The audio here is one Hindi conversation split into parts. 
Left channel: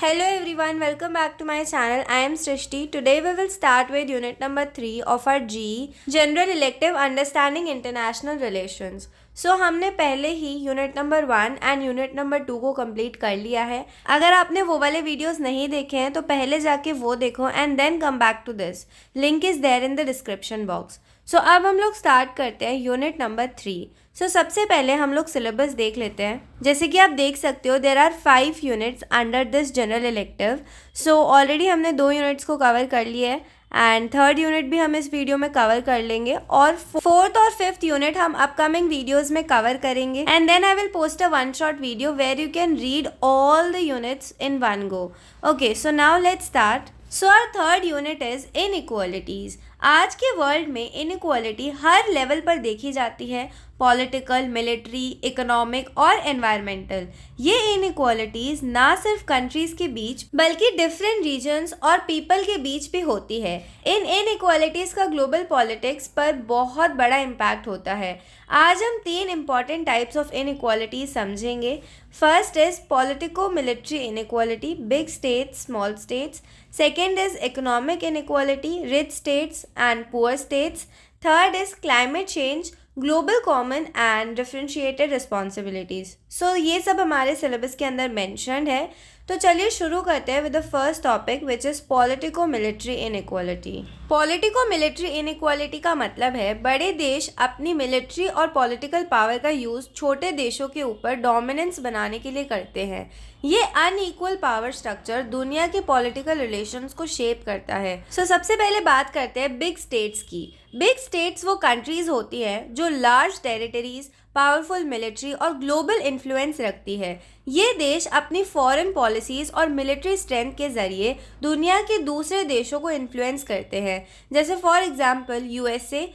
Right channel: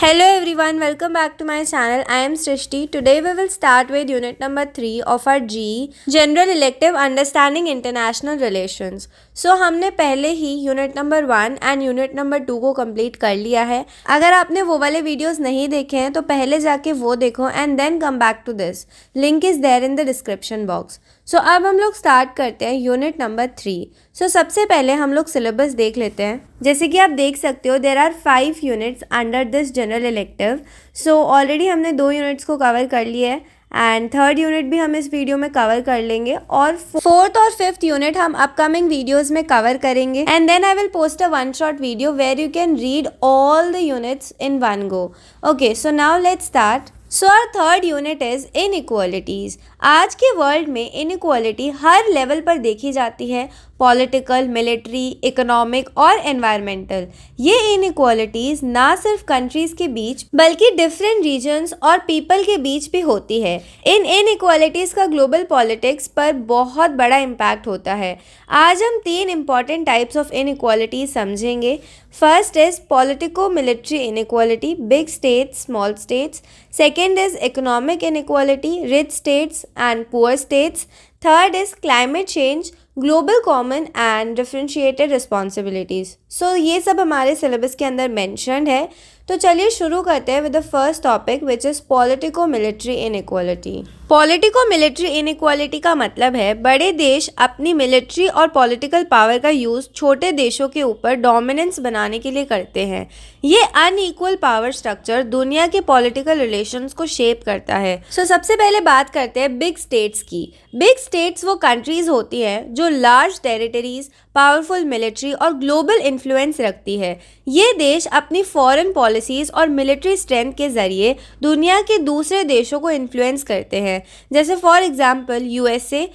Hello everyone, welcome back to my channel. I am Srishti. Today we will start with unit number 3 of our GE General Elective Understanding International Relations. हमने पहले ही unit number 1 and unit number 2 को कंप्लीट कर लिया है. अगर आपने वो वाले वीडियोस नहीं देखे हैं तो पहले जाके वो देखो and then come back to this. Link is there in the description box. अब हम लोग स्टार्ट करते हैं यूनिट नंबर 3. सबसे पहले हम लोग सिलेबस देख लेते हैं. जैसे कि आप देख सकते हो there are 5 units under this general elective. Already हमने 2 यूनिट्स को कवर कर लिए है एंड थर्ड यूनिट भी हम इस वीडियो में कवर कर लेंगे और फोर्थ और फिफ्थ यूनिट हम अपकमिंग वीडियोस में कवर करेंगे and then I will post a one shot video where you can read all the units in one go. Okay, so now let's start. Our third unit is inequalities. आज के वर्ल्ड में इनइक्वालिटी हर लेवल पर देखी जाती है, पॉलिटिकल, मिलिट्री, इकोनॉमिक और एनवायरमेंटल. ये इनइक्वालिटीज ना सिर्फ कंट्रीज के बीच बल्कि डिफरेंट रीजन्स और पीपल के बीच भी होती है. इन इनइक्वालिटीज का ग्लोबल पॉलिटिक्स पर बहुत बड़ा इम्पैक्ट होता है. आज हम 3 इम्पॉर्टेंट टाइप्स ऑफ इनइक्वालिटीज समझेंगे. First is politico military inequality, big states, small states. Second is economic inequality, rich states and poor states. Third is climate change, global common and differentiated responsibilities. ये सब हमारे सिलेबस के अंदर मेंशन्ड है. तो चलिए शुरू करते हैं with the first topic which is politico military inequality. Politico military inequality का मतलब है बड़े देश अपनी मिलिट्री और पॉलिटिकल पावर का यूज़ छोटे देशों के ऊपर डोमिनेंस बनाने के लिए करते हैं. ये अनइक्वल पावर स्ट्रक्चर दुनिया के पॉलिटिकल रिलेशंस को शेप करता है. सबसे पहले बात करते हैं बिग स्टेट्स की. बिग स्टेट्स वो कंट्रीज होती हैं जो लार्ज टेरिटरीज, पावरफुल मिलिट्री और ग्लोबल इन्फ्लुएंस रखती है. ये देश अपनी फॉरेन पॉलिसीज़ और मिलिट्री स्ट्रेंथ के ज़रिए दुनिया के दूसरे देशों को इन्फ्लुएंस करते हैं. जैसे फॉर एग्जांपल यूएसए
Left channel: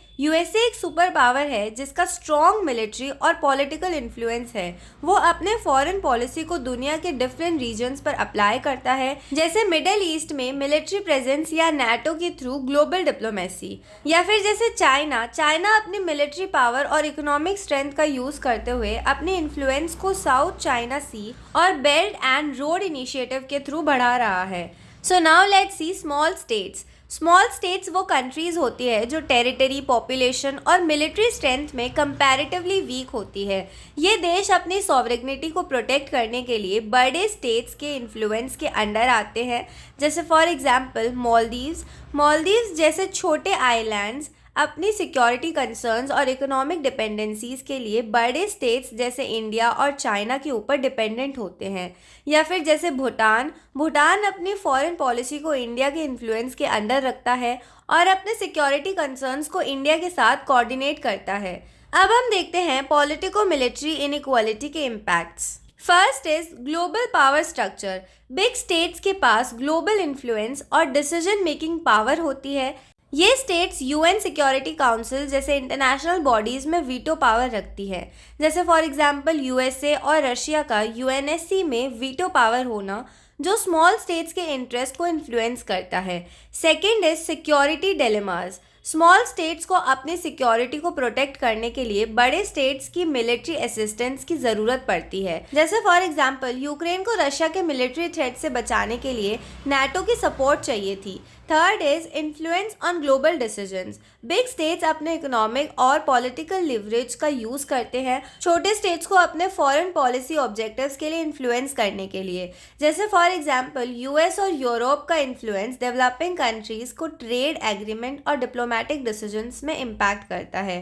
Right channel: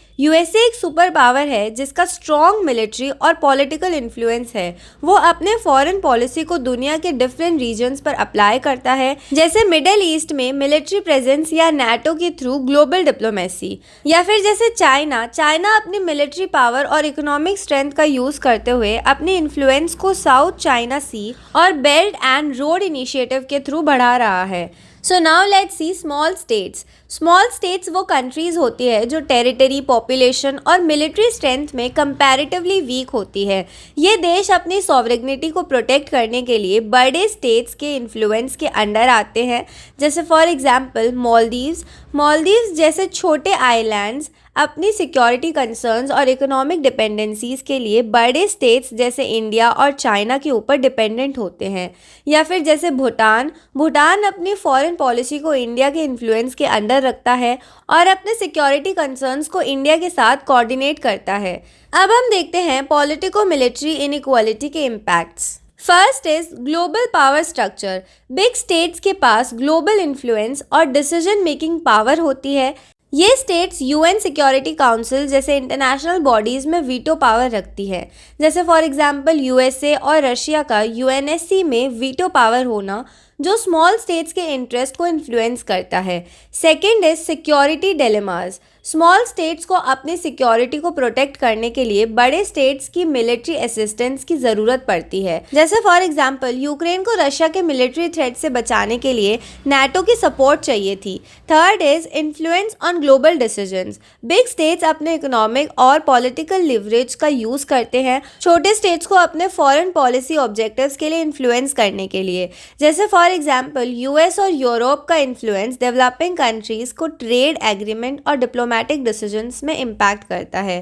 एक सुपर पावर है जिसका स्ट्रॉन्ग मिलिट्री और पॉलिटिकल इन्फ्लुएंस है. वो अपने फॉरेन पॉलिसी को दुनिया के डिफरेंट रीजन्स पर अप्लाई करता है, जैसे मिडिल ईस्ट में मिलिट्री प्रेजेंस या नाटो के थ्रू ग्लोबल डिप्लोमेसी. या फिर जैसे चाइना अपनी मिलिट्री पावर और इकोनॉमिक स्ट्रेंथ का यूज़ करते हुए अपने इन्फ्लुएंस को साउथ चाइना सी और बेल्ट एंड रोड इनिशिएटिव के थ्रू बढ़ा रहा है. Now let's C small states. Small states वो कंट्रीज़ होती है जो टेरिटरी, पॉपुलेशन और मिलिट्री स्ट्रेंथ में कंपैरेटिवली वीक होती है. ये देश अपनी सॉवरेनिटी को प्रोटेक्ट करने के लिए बड़े स्टेट्स के इन्फ्लुएंस के अंडर आते हैं. जैसे फॉर एग्जांपल मालदीव्स जैसे छोटे आइलैंड्स अपनी सिक्योरिटी कंसर्न्स और इकोनॉमिक डिपेंडेंसीज के लिए बड़े स्टेट्स जैसे इंडिया और चाइना के ऊपर डिपेंडेंट होते हैं. या फिर जैसे भूटान अपनी फॉरेन पॉलिसी को इंडिया के इन्फ्लुएंस के अंडर रखता है और अपने सिक्योरिटी कंसर्न्स को इंडिया के साथ कोऑर्डिनेट करता है. अब हम देखते हैं पॉलिटिको मिलिट्री इनइक्वालिटी के impacts. First is global power structure. Big states के पास ग्लोबल इन्फ्लुएंस और डिसीजन मेकिंग पावर होती है. ये स्टेट्स यूएन सिक्योरिटी काउंसिल जैसे इंटरनेशनल बॉडीज़ में वीटो पावर रखती है. जैसे फॉर एग्जांपल यूएसए और रशिया का यूएनएससी में वीटो पावर होना जो स्मॉल स्टेट्स के इंटरेस्ट को इन्फ्लुएंस करता है. Second is security dilemmas. Small states को अपनी सिक्योरिटी को प्रोटेक्ट करने के लिए बड़े स्टेट्स की मिलिट्री असिस्टेंस की ज़रूरत पड़ती है. जैसे फॉर एग्जांपल यूक्रेन को रशिया के मिलिट्री थ्रेट से बचाने के लिए नाटो की सपोर्ट चाहिए थी. Third is influence on global decisions. Big states अपने इकोनॉमिक और पॉलिटिकल लिवरेज का यूज़ करते हैं छोटे स्टेट्स को अपने फॉरेन पॉलिसी ऑब्जेक्टिव्स के लिए इन्फ्लुएंस करने के लिए. जैसे फॉर एग्जांपल यूएस और यूरोप का इन्फ्लुएंस डेवलपिंग कंट्रीज़ को ट्रेड एग्रीमेंट और डिप्लोमेटिक डिसीजंस में इम्पैक्ट करता है.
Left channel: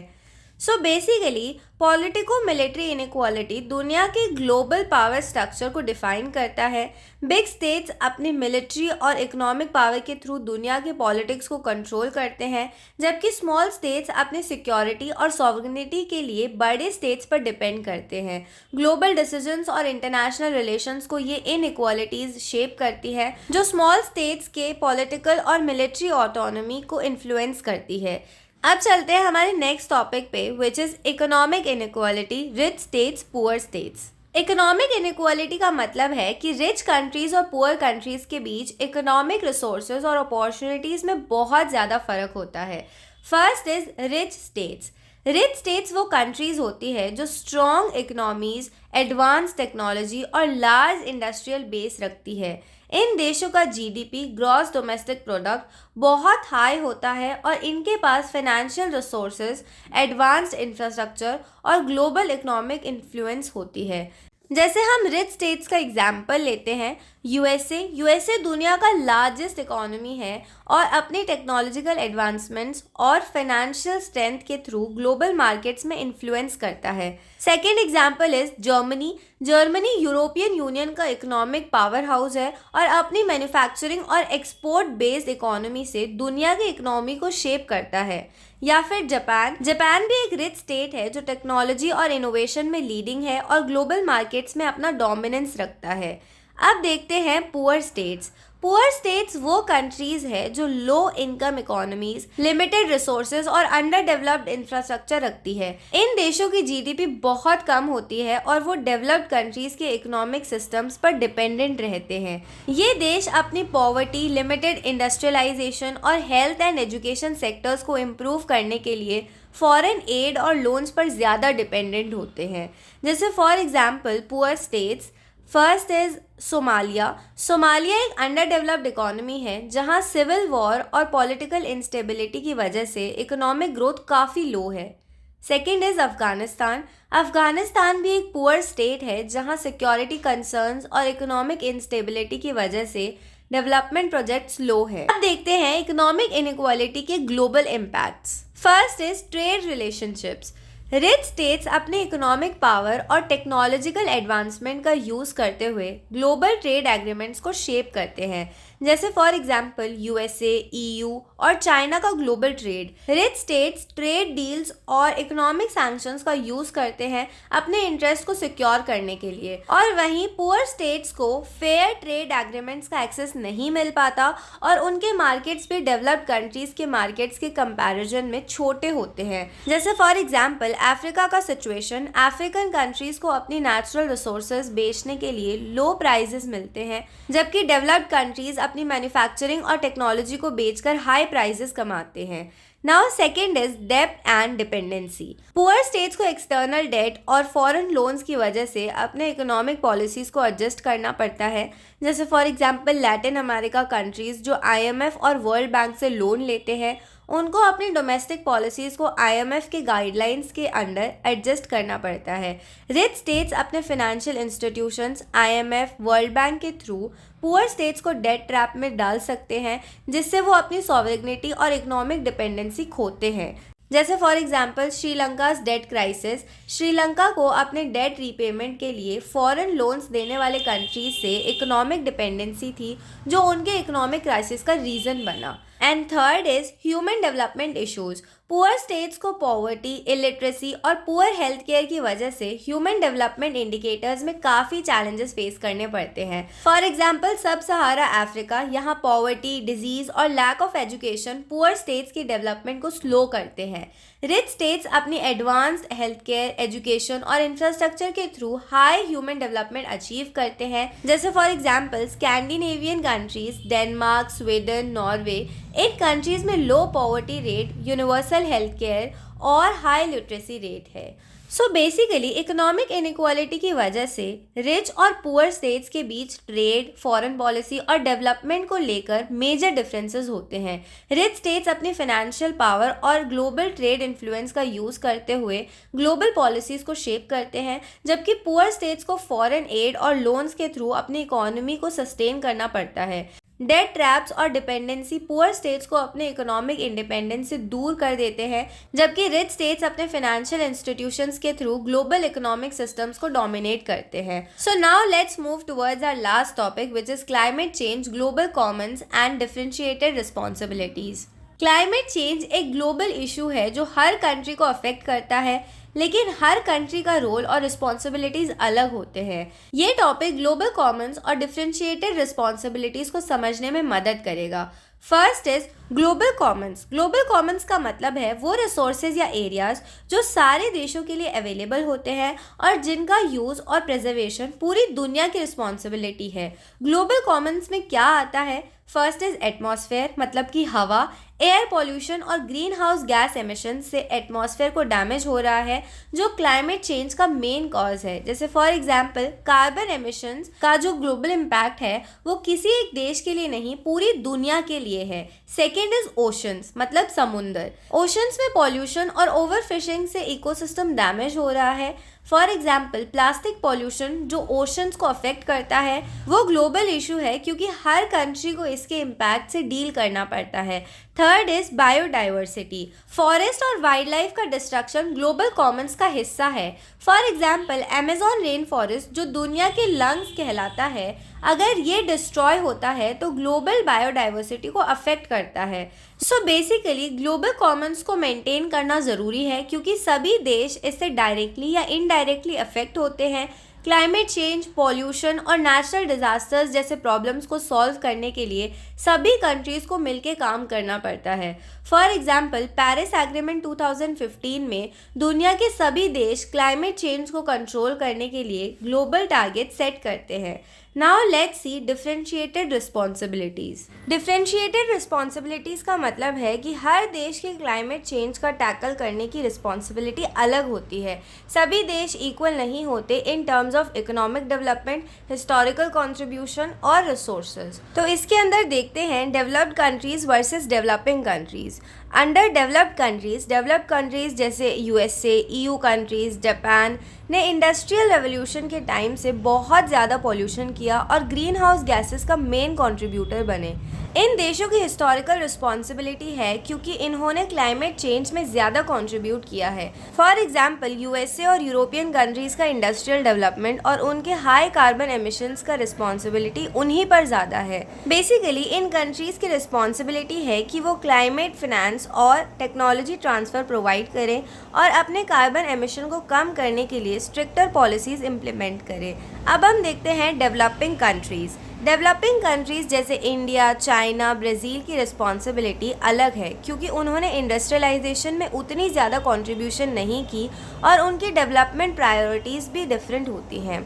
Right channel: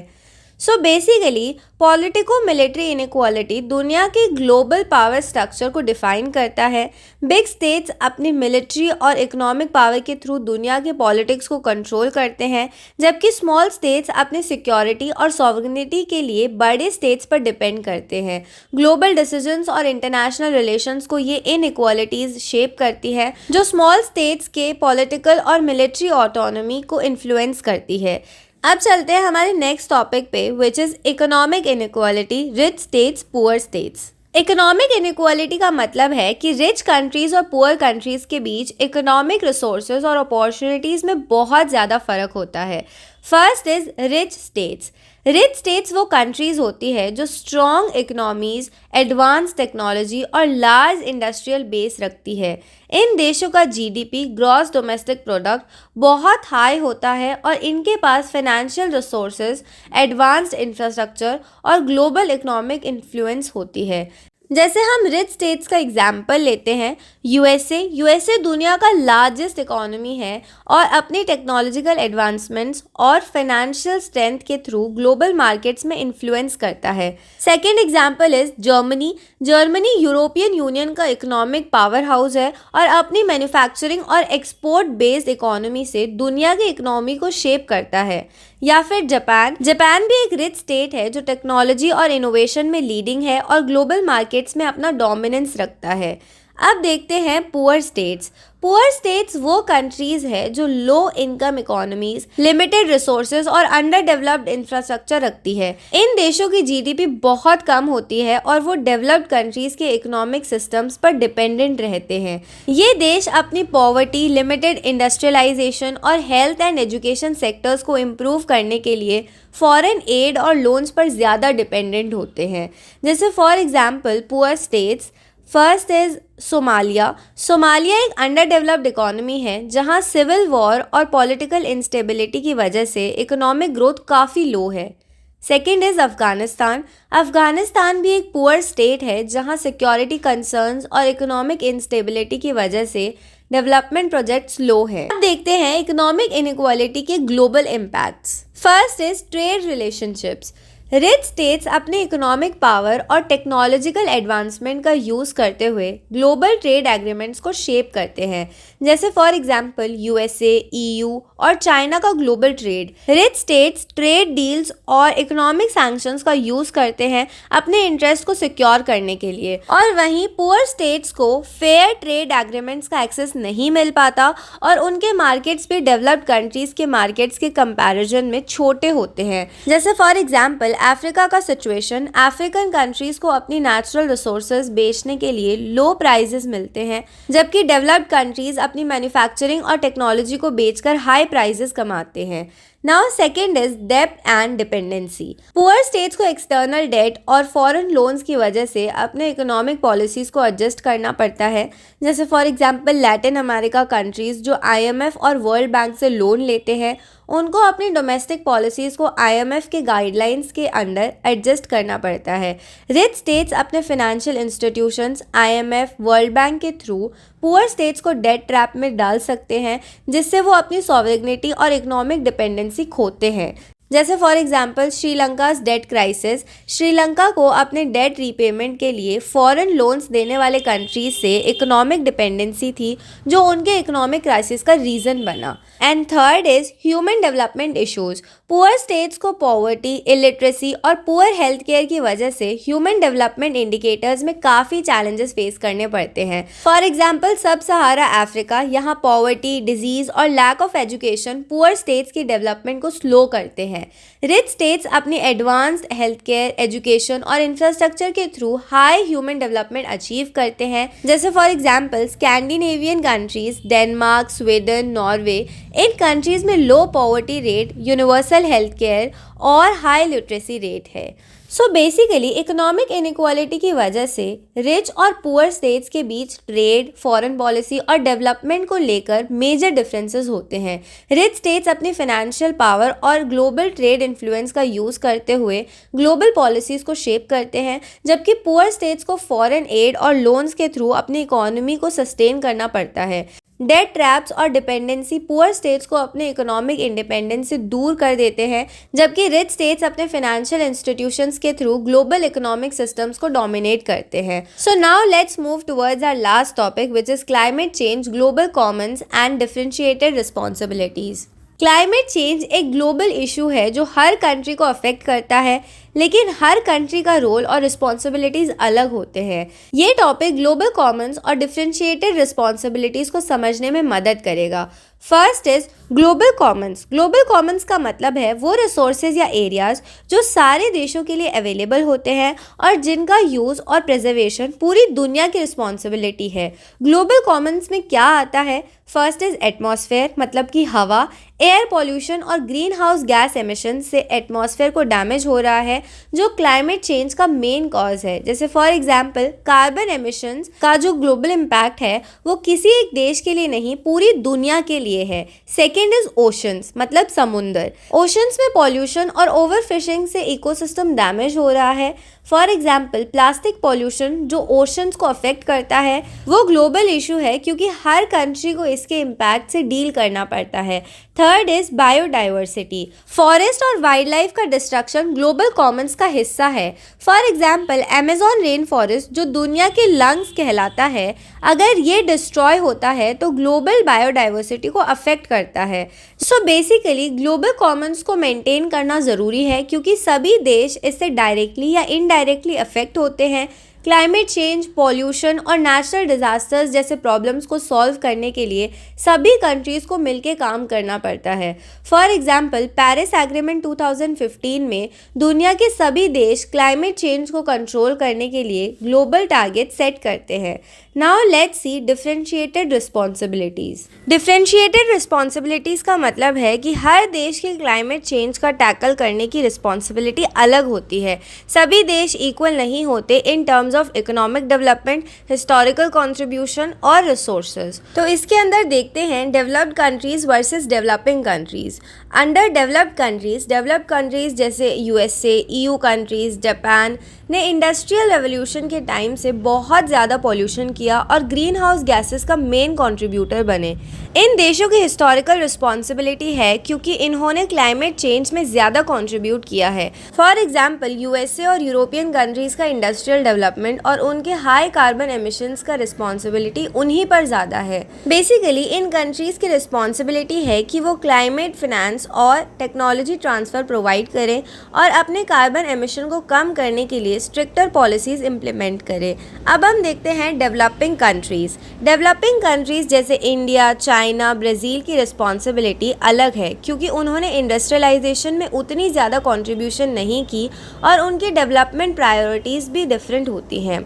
बेसिकली पॉलिटिको मिलिट्री इनइक्वालिटी दुनिया के ग्लोबल पावर स्ट्रक्चर को डिफाइन करता है. बिग स्टेट्स अपनी मिलिट्री और इकोनॉमिक पावर के थ्रू दुनिया के पॉलिटिक्स को कंट्रोल करते हैं, जबकि स्मॉल स्टेट्स अपनी सिक्योरिटी और सॉवरेनिटी के लिए बड़े स्टेट्स पर डिपेंड करते हैं. ग्लोबल डिसीजंस और इंटरनेशनल रिलेशंस को ये इनइक्वालिटीज़ शेप करती है जो स्मॉल स्टेट्स के पॉलिटिकल और मिलिट्री ऑटोनॉमी को इन्फ्लुएंस करती है. अब चलते हैं हमारे नेक्स्ट टॉपिक पे which is economic inequality, rich states, poor states. Economic inequality का मतलब है कि रिच कंट्रीज़ और पुअर कंट्रीज़ के बीच इकोनॉमिक रिसोर्सेज और अपॉर्चुनिटीज़ में बहुत ज़्यादा फ़र्क होता है. First is rich states. Rich states वो कंट्रीज़ होती है जो स्ट्रॉन्ग इकोनॉमीज़, एडवांस टेक्नोलॉजी और लार्ज इंडस्ट्रियल बेस रखती है. इन देशों का जीडीपी ग्रॉस डोमेस्टिक प्रोडक्ट बहुत हाई होता है और इनके पास फाइनेंशियल रिसोर्सेज, एडवांस्ड इंफ्रास्ट्रक्चर और ग्लोबल इकोनॉमिक इन्फ्लुएंस होती है। जैसे हम रिच स्टेट्स का एग्जाम्पल लेते हैं, यूएसए दुनिया का लार्जेस्ट इकोनॉमी है और अपनी टेक्नोलॉजिकल एडवांसमेंट्स और फाइनेंशियल स्ट्रेंथ के थ्रू ग्लोबल मार्केट्स में इन्फ्लुएंस करता है। Second example is Germany European union का इकोनॉमिक पावर हाउस है और अपनी मैन्युफैक्चरिंग और एक्सपोर्ट बेस्ड इकोनॉमी से दुनिया की इकोनॉमी को शेप करता है। या फिर जापान भी एक रिच स्टेट है जो टेक्नोलॉजी और इनोवेशन में लीडिंग है और ग्लोबल मार्केट्स में अपना डोमिनेंस रखता है। अब देखते हैं पुअर स्टेट्स वो कंट्रीज है जो low income economies, limited resources और अंडर डेवलप्ड इंफ्रास्ट्रक्चर रखती है। इन देशों की जीडीपी बहुत कम होती है और वो डेवलप्ड कंट्रीज के इकोनॉमिक सिस्टम्स पर डिपेंडेंट रहते हैं। ये देश अपनी पॉवर्टी, लिमिटेड इंडस्ट्रियलाइजेशन और हेल्थ एंड एजुकेशन सेक्टर्स को इम्प्रूव करने के लिए फॉरेन एड और लोन्स पर ज़्यादा डिपेंडेंट होते हैं। जैसे for example poor states, first is Somalia एक अंडर डेवलप्ड इकोनॉमी है जहां सिविल वॉर और पॉलिटिकल इंस्टेबिलिटी की वजह से इकोनॉमिक ग्रोथ काफ़ी लो है। सेकेंड इज अफगानिस्तान भी एक पुअर स्टेट है जहां सिक्योरिटी कंसर्न्स और इकोनॉमिक इंस्टेबिलिटी की वजह से डेवलपमेंट प्रोजेक्ट्स लो है। अब देखते हैं इकोनॉमिक इनइक्वालिटी के global impacts. First is trade relationships. Rich states अपने इकोनॉमिक पावर और टेक्नोलॉजिकल एडवांसमेंट का यूज़ करते हुए ग्लोबल ट्रेड एग्रीमेंट्स को शेप करते हैं। जैसे फॉर एग्जांपल यूएसए, ईयू और चाइना का global trade. Rich states trade deals और इकोनॉमिक सैंक्शंस का यूज़ करते हैं अपने इंटरेस्ट को सिक्योर करने के लिए, और वहीं पुअर स्टेट्स को फेयर ट्रेड एग्रीमेंट्स का एक्सेस नहीं मिल पाता और उनके मार्केट्स भी डेवलप्ड कंट्रीज के मार्केट्स के कंपैरिजन में छोटे होते हैं। जैसे फॉर एग्जांपल अफ्रीका का सिचुएशन, अफ्रीकन कंट्रीज को अपनी नेचुरल रिसोर्सेज बेचने के लिए लो प्राइजेस मिलते हैं, जबकि डेवलप्ड कंट्रीज अपनी मैन्युफैक्चरिंग और टेक्नोलॉजी को बेचकर हाई प्राइजेस कमाते हैं। नाउ सेकेंड इज डेब्ट एंड डिपेंडेंसी। पुअर स्टेट्स को एक्सटर्नल डेट और फॉरेन लोन्स की वजह से अपने इकोनॉमिक पॉलिसीज को एडजस्ट करना पड़ता है। जैसे for example Latin America countries जो आईएमएफ और वर्ल्ड बैंक से लोन लेते हैं, उनको अपनी डोमेस्टिक पॉलिसीज़ को आईएमएफ के गाइडलाइंस के अंडर एडजस्ट करना पड़ता है। रिच स्टेट्स अपने financial institutions, IMF, world bank के थ्रू पुअर स्टेट्स को डेट ट्रैप में डाल सकते हैं, जिससे वो अपनी सॉवरेनिटी और इकोनॉमिक डिपेंडेंसी खोते हैं। जैसे for example Sri Lanka's debt crisis. Sri Lanka को अपने डेट रीपेमेंट के लिए फॉरेन लोन्स देने वाले कंट्रीज से इकोनॉमिक डिपेंडेंसी थी, जो उनके इकोनॉमिक क्राइसिस का रीज़न बना। And third is human development issues. Poor states को पॉवर्टी, इलिटरेसी और पुअर हेल्थ केयर की वजह से ह्यूमन डेवलपमेंट इंडिकेटर्स में काफ़ी चैलेंजेस फेस करने पड़ते हैं। For example sub Sahara Africa, यहाँ पॉवर्टी, डिजीज़ और lack of education poor states की डेवलपमेंट को स्लो करते हैं। रिच स्टेट्स अपनी एडवांस्ड हेल्थ केयर, एजुकेशन और इंफ्रास्ट्रक्चर के through high human development achieve करते हैं। जैसे for example Scandinavian countries, Denmark, Sweden, Norway, इन कंट्रीज में low poverty rate, universal health care और हाई लिटरेसी रेट है। सो बेसिकली इकोनॉमिक इनइक्वालिटी की वजह से रिच और पुअर स्टेट्स के बीच ट्रेड, फॉरेन पॉलिसी और डेवलपमेंट को लेकर मेजर डिफरेंसेस होते हैं। रिच स्टेट्स अपनी फाइनेंशियल पावर और ग्लोबल ट्रेड इन्फ्लुएंस का यूज़ करते हुए ग्लोबल पॉलिसीज़ को शेप करते हैं, जबकि पुअर स्टेट्स को फॉरेन एड और लोन्स के थ्रू अपनी इकोनॉमी को सस्टेन करना पड़ता है। डेट ट्रैप्स और डिपेंडेंसी पुअर स्टेट्स को अपने इकोनॉमिक इंडिपेंडेंस से दूर कर देते हैं, जबकि रिच स्टेट्स अपने फाइनेंशियल इंस्टीट्यूशंस के थ्रू ग्लोबल इकोनॉमिक सिस्टम्स को डोमिनेट करते हैं। So now let's move towards our last topic, which is climate change, global commons and differentiated responsibilities. Climate change एक ग्लोबल इशू है जो हर कंट्री को अफेक्ट करता है, लेकिन हर कंट्री का रोल और रिस्पॉन्सिबिलिटीज़ अलग होते हैं। ये टॉपिक ग्लोबल कॉमन्स और डिफरेंशिएटेड रिस्पॉन्सिबिलिटीज़ को समझने में मदद करेगा। First is global Commons. Global Commons का मतलब है वो रिसोर्सेज या एरियाज जो सारे देशों के लिए अवेलेबल होते हैं और जिनका यूज़ और प्रिजर्वेशन पूरी दुनिया की रिस्पॉन्सिबिलिटी है। ग्लोबल कॉमन्स में क्या आता है? फर्स्ट इज एटमॉस्फेयर, मतलब कि हवा। एयर पॉल्यूशन और ग्रीन हाउस गैस एमिशन से एटमॉस्फेयर को डैमेज हो रहा है, जो क्लाइमेट चेंज का मेन कॉज है। जैसे फॉर एग्जांपल कार्बन एमिशंस का जो ग्लोबल इम्पैक्ट है वो किसी एक देश के लिए नहीं, पूरी दुनिया के लिए है। सेकेंड इज ओशंस, मतलब समुंदर। ओशंस में पॉल्यूशन और ओवरफिशिंग से इकोसिस्टम डैमेज हो रहा है। फॉर एग्जाम्पल प्लास्टिक पॉल्यूशन जो ओशंस को अफेक्ट करता है वो ग्लोबल इशू है, क्योंकि हर कंट्री को इसके इम्पैक्ट से डील करना पड़ता है। Third is biodiversity. फॉरेस्ट और वाइल्ड लाइफ का डिस्ट्रक्शन ग्लोबल कॉमन्स का हिस्सा है। For example Amazon rain forest जो दुनिया के लंग्स कहलाता है, अगर ये डिस्ट्रॉय होता है तो ग्लोबल बायोडाइवर्सिटी को अफेक्ट करता है। सो बेसिकली ग्लोबल कॉमन्स को मेंटेन करना ज़रूरी है, क्योंकि सभी देश इससे डायरेक्टली या इनडायरेक्टली अफेक्ट होते हैं। क्लाइमेट चेंज, पॉल्यूशन और नेचुरल डिजास्टर्स जैसे प्रॉब्लम्स को सॉल्व करने के लिए सभी कंट्रीज़ को मिलकर काम करना पड़ता है। फॉर एग्जाम्पल पेरिस एग्रीमेंट 2015 में दुनिया के सभी देश क्लाइमेट चेंज को कंट्रोल करने के लिए ग्लोबल टारगेट सेट करते हैं। Now let's C differentiated responsibilities. Differentiated responsibilities का मतलब है कि हर देश के क्लाइमेट चेंज का टैकल करने की रिस्पॉन्सिबिलिटी अलग होती है। सभी देश इक्वल नहीं होते in terms of economic development, historical contribution और रिसोर्सेज। तो इसके अंदर देखते हैं developed countries versus developing countries. Under developed countries जैसे यूएसए, ईयू कंट्रीज़, जापान ने इंडस्ट्रियल रेवोल्यूशन के टाइम से बहुत ज़्यादा पॉल्यूशन किया और ग्रीन हाउस गैसेस का मेन कंट्रीब्यूटर बने। इन देशों की हिस्टोरिकल रिस्पॉन्सिबिलिटी है, क्योंकि इन्होंने क्लाइमेट चेंज में ज़्यादा कंट्रीब्यूट किया है। फॉर एग्जांपल यूएसए और यूरोपियन कंट्रीज़ का इंडस्ट्रियल डेवलपमेंट और उनके हाई कार्बन एमिशंस का रिस्पॉन्सिबिलिटी उन्हीं पर ज़्यादा है। बेसिकली इन कंट्रीज़ की रिस्पॉन्सिबिलिटी है कि वो क्लाइमेट फिनेंस और टेक्नोलॉजी ट्रांसफ़र प्रोवाइड करें और अपने कार्बन एमिशन को कम करने के लिए स्ट्रिक्टर पॉलिसीज़ इम्प्लीमेंट करें। अब हम देखते हैं डेवलपिंग कंट्रीज़। डेवलपिंग कंट्रीज़ जैसे इंडिया, चाइना, ब्राज़ील की रिस्पॉन्सिबिलिटी अलग है, क्योंकि उन्होंने इंडस्ट्रियलाइजेशन में उतनी ज़्यादा कंट्रीब्यूशन नहीं की और उनकी डेवलपमेंट प्रायोरिटीज़ भी डिफरेंट होती हैं।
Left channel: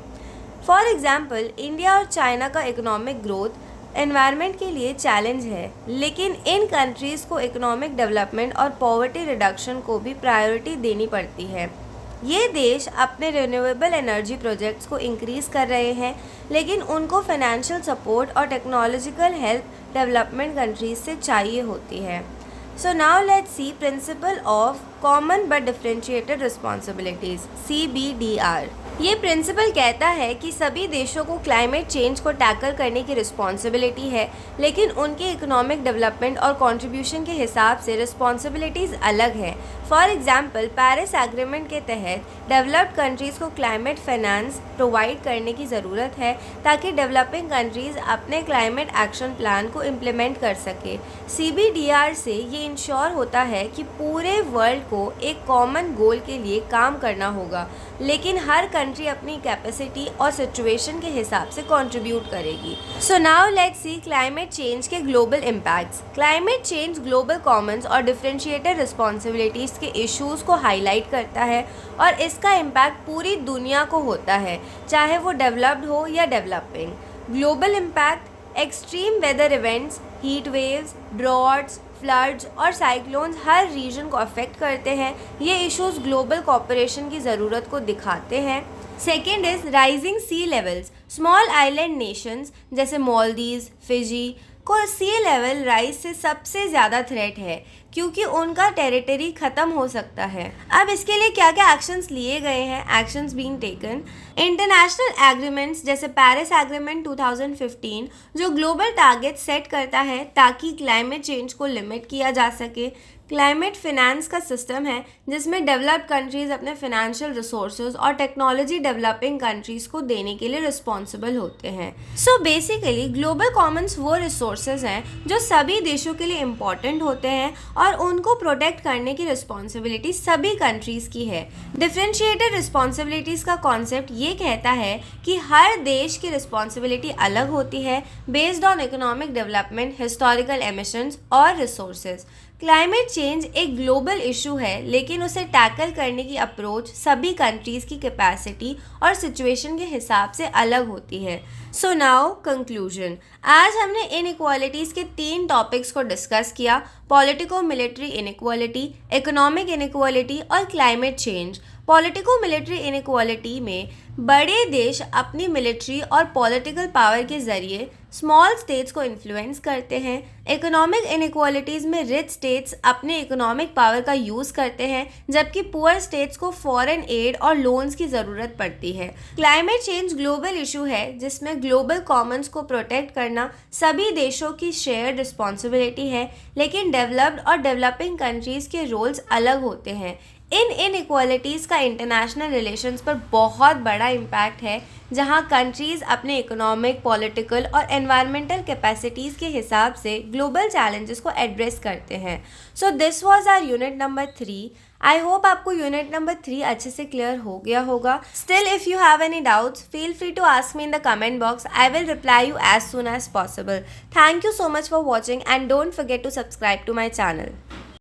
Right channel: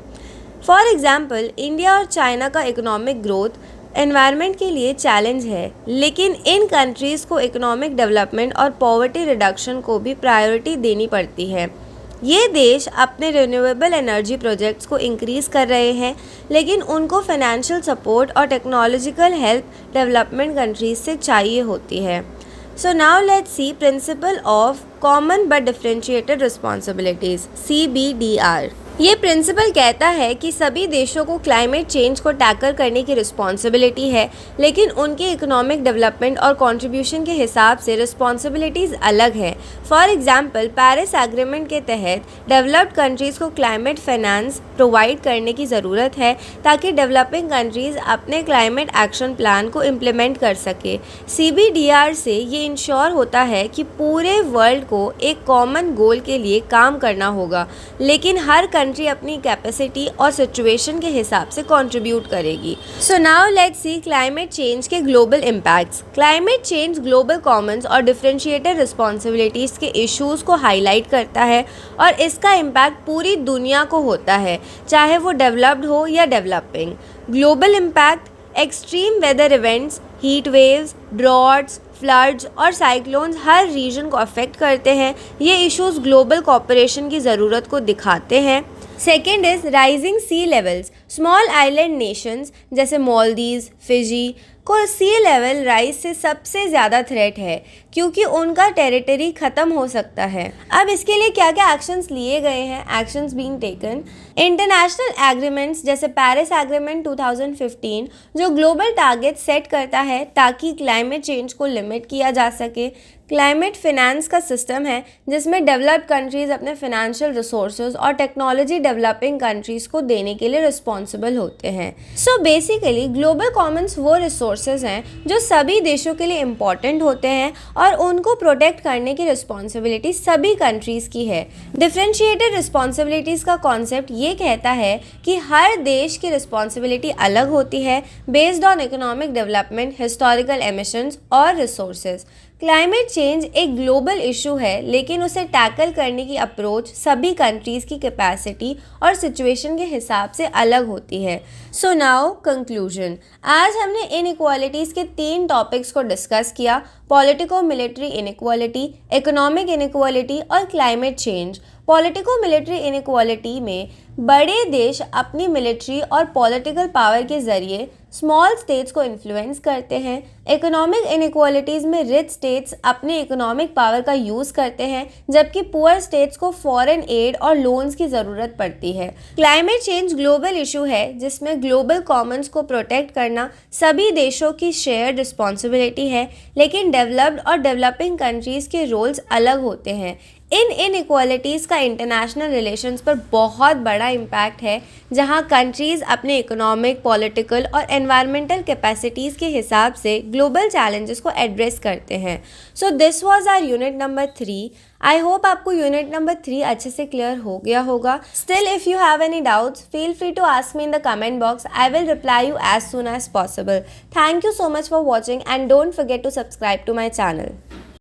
फॉर एग्जाम्पल इंडिया और चाइना का इकोनॉमिक ग्रोथ एनवायरनमेंट के लिए चैलेंज है, लेकिन इन कंट्रीज़ को इकोनॉमिक डेवलपमेंट और पॉवर्टी रिडक्शन को भी प्रायोरिटी देनी पड़ती है। ये देश अपने रिन्यूएबल एनर्जी प्रोजेक्ट्स को इंक्रीज़ कर रहे हैं, लेकिन उनको फाइनेंशियल सपोर्ट और टेक्नोलॉजिकल हेल्प डेवलपमेंट कंट्रीज से चाहिए होती है। So now let's C principle of common but differentiated responsibilities, CBDR। ये प्रिंसिपल कहता है कि सभी देशों को क्लाइमेट चेंज को टैकल करने की रिस्पॉन्सिबिलिटी है, लेकिन उनके इकोनॉमिक डेवलपमेंट और कंट्रीब्यूशन के हिसाब से रिस्पॉन्सिबिलिटीज़ अलग हैं। फॉर एग्जांपल पेरिस एग्रीमेंट के तहत डेवलप्ड कंट्रीज़ को क्लाइमेट फाइनेंस प्रोवाइड करने की ज़रूरत है, ताकि डेवलपिंग कंट्रीज़ अपने क्लाइमेट एक्शन प्लान को इम्प्लीमेंट कर सके। CBDR से ये इंश्योर होता है कि पूरे वर्ल्ड को एक कॉमन गोल के लिए काम करना होगा, लेकिन हर कंट्री अपनी कैपेसिटी और सिचुएशन के हिसाब से कंट्रीब्यूट करेगी। So now let's see climate change के global impacts. Climate change global commons और डिफरेंशिएटेड रिस्पॉन्सिबिलिटीज़ के इश्यूज़ को हाईलाइट करता है और इसका इम्पैक्ट पूरी दुनिया को होता है, चाहे वो डेवलप्ड हो या developing. Global impact extreme weather events, heat waves, droughts, floods और साइक्लोन्स हर रीजन को अफेक्ट करते हैं। ये इश्यूज ग्लोबल कोऑपरेशन की ज़रूरत को दिखाते हैं। Second is rising sea levels. Small island Nations जैसे मालदीव्स, फिजी को सी लेवल राइज से सबसे ज़्यादा थ्रेट है, क्योंकि उनका टेरिटरी ख़त्म हो सकता है। अब इसके लिए क्या क्या एक्शंस लिए गए हैं, actions being taken. International agreements जैसे पेरिस एग्रीमेंट 2015 जो ग्लोबल टारगेट सेट करता है ताकि क्लाइमेट चेंज को लिमिट किया जा सके। क्लाइमेट फिनेंस का सिस्टम है जिसमें डेवलप्ड कंट्रीज़ अपने फाइनेंशियल रिसोर्सेज और टेक्नोलॉजी डेवलपिंग कंट्रीज़ को देने के लिए रिस्पॉन्सिबल होते हैं। सो बेसिकली ग्लोबल कॉमन्स वो रिसोर्सेज हैं जो सभी देशों के लिए इम्पॉर्टेंट होते हैं और उनको प्रोटेक्ट करने की रिस्पॉन्सिबिलिटी सभी कंट्रीज़ की है। डिफरेंशिएटेड रिस्पॉन्सिबिलिटीज़ का कॉन्सेप्ट ये कहता है कि हर देश की रिस्पॉन्सिबिलिटी अलग होती है based on economic development, historical emissions और रिसोर्सेज। क्लाइमेट चेंज एक ग्लोबल इशू है, लेकिन उसे टैकल करने की अप्रोच सभी कंट्रीज़ की कैपेसिटी और सिचुएशन के हिसाब से अलग होती है। So now conclusion. आज हमने इनइक्वालिटीज़ के 3 टॉपिक्स को डिस्कस किया: politico military inequality, economic inequality और climate change. Politico military inequality में बड़े देश अपनी मिलिट्री और पॉलिटिकल पावर के ज़रिए स्मॉल स्टेट्स को इन्फ्लुएंस करते हैं। इकोनॉमिक इनइक्वालिटीज़ में रिच स्टेट्स अपने इकोनॉमिक पावर का यूज़ करते हैं, जबकि पुअर स्टेट्स को फॉरेन एड और लोन्स की ज़रूरत पड़ती है। क्लाइमेट चेंज ग्लोबल इशू है, जिसमें ग्लोबल कॉमन्स को प्रोटेक्ट करना सभी देशों की शेयर्ड रिस्पॉन्सिबिलिटी है, लेकिन डेवलप्ड और डेवलपिंग कंट्रीज़ के रोल्स अलग होते हैं। इन इनइक्वालिटीज़ का इंटरनेशनल रिलेशंस पर बहुत बड़ा इम्पैक्ट है, जहां कंट्रीज़ अपने इकोनॉमिक, पॉलिटिकल और एनवायरमेंटल कैपेसिटीज़ के हिसाब से ग्लोबल चैलेंजेस को एड्रेस करते हैं। So this was our unit number 3। I hope आपको यूनिट नंबर 3 अच्छे से क्लियर हो गया होगा। Still if you have any doubts, feel free to ask me in the comment box. I will reply you as soon as possible. Thank you so much for watching and don't forget to subscribe to my channel.